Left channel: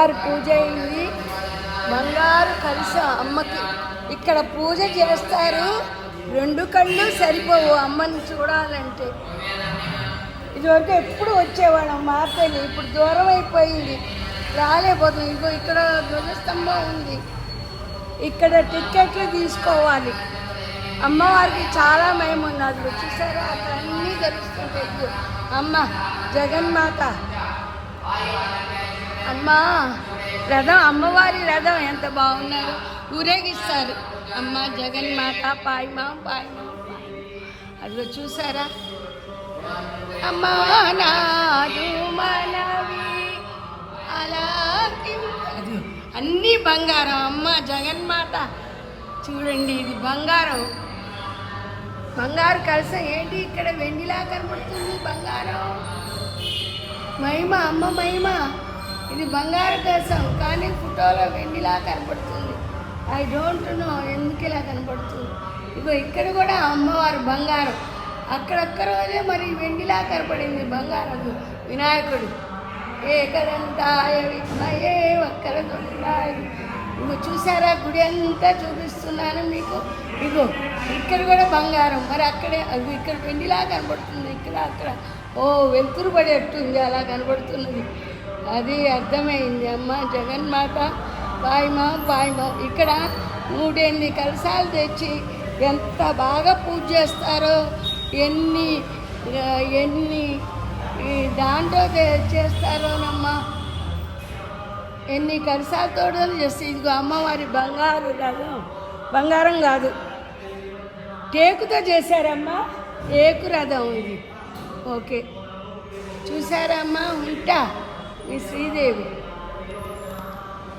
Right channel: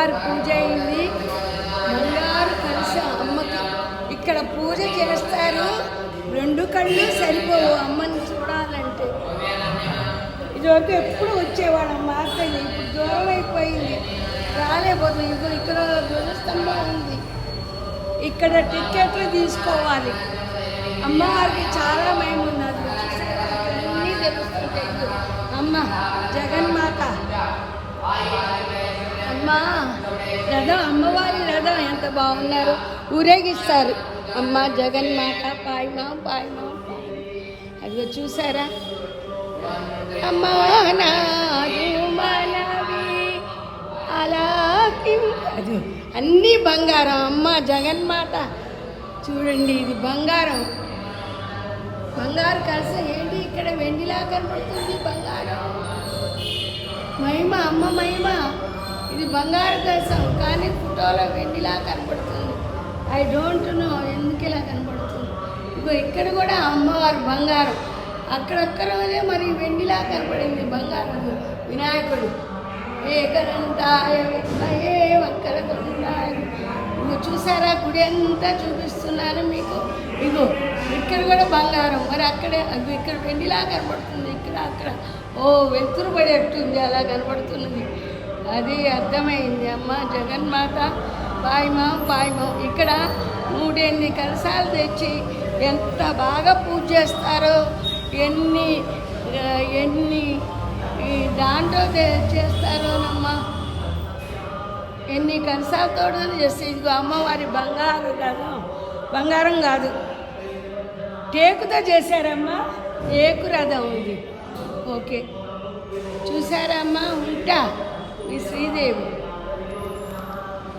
అమ్మవారి పూజ అయింది. బంగారు కలిస అమ్మకి ఇక్కడ పూజ చేస్తారు. 2 కళ్ళు సరిపోవు అమ్మని చూడాలంటే. ఇదివరకు ఎప్పుడు వచ్చేవాళ్ళం మార్కెట్, ఇప్పుడు దూరం అయిపోయింది, రాలేకపోతుంది. ఇదిగో ఇక్కడ ధ్వజస్తంభం ఉంది, ఇక్కడ టికెట్లు తీసుకోవాలి. అమ్మవారికి చాలా మహిమ ఉన్నది. చూసారా, అన్నీ తెలుస్తుంటాయి. అమ్మ జగన్మాత, అమ్మ రథం, అమ్మవారి రథం ఎంత బాగున్నారు, ఊరేగిస్తారు. అమ్మ జగన్మాత పాయమా పాయమా. అదిగో చూసారా, అమ్మా నాదు మనవి అలా అది అన్నీ బంగారం. అమ్మ జగన్మాత చూడండి, ఇది బంగారం. బంగారు కలిస ఏంటి, ఇక్కడ వెండిలా కనబడుతుంది బంగారం. మహిమ, అమ్మ మహిమ. ఇది బంగారు కలసం కానీ ఫోటోలో వెండిలా కనబడుతుంది. ఐ డోంట్ నో ఎందుకు ఇలా కనబడుతుంది. ఇగో ఇక్కడ కూడా అమ్మవారు బంగారం, అక్కడక్కడే మరి వెండిలా కనపడింది బంగారం. వినాయకుడు ఏకదంతాయ విద్మహే వక్రతుండాయ. ఇగో చూసారా, గుడి అంతా చూపిస్తున్నాను మీకు. ఇగో ఇక్కడ కూడా బంగారం, మరి అక్కడే అది ఇక్కడ వెండిలా కనబడుతుంది. ఇక్కడ అక్కడ వెలుతురు పడేట్టుంది, అలా కనబడుతున్నది. అది అర్థమైంది. అమ్మ జగన్మాత పాయమా పాయమా. ఇక్కడ 3 కలశాలు తెచ్చి ఎంత బాగా పూజ చేస్తారో, ఎన్ని దాంట్లో చేస్తారోనమ్మ, ఎన్ని కలశాలతో చేస్తే. ఇదిగో అమ్మవారి బంగారు కాదు, బంగారం కాదు, టేకుతో చేశారమ్మా, టేకు రథం ఇది. ఓకే చూసారమ్మా, ఉంటా ఈ శ్రీదేవి.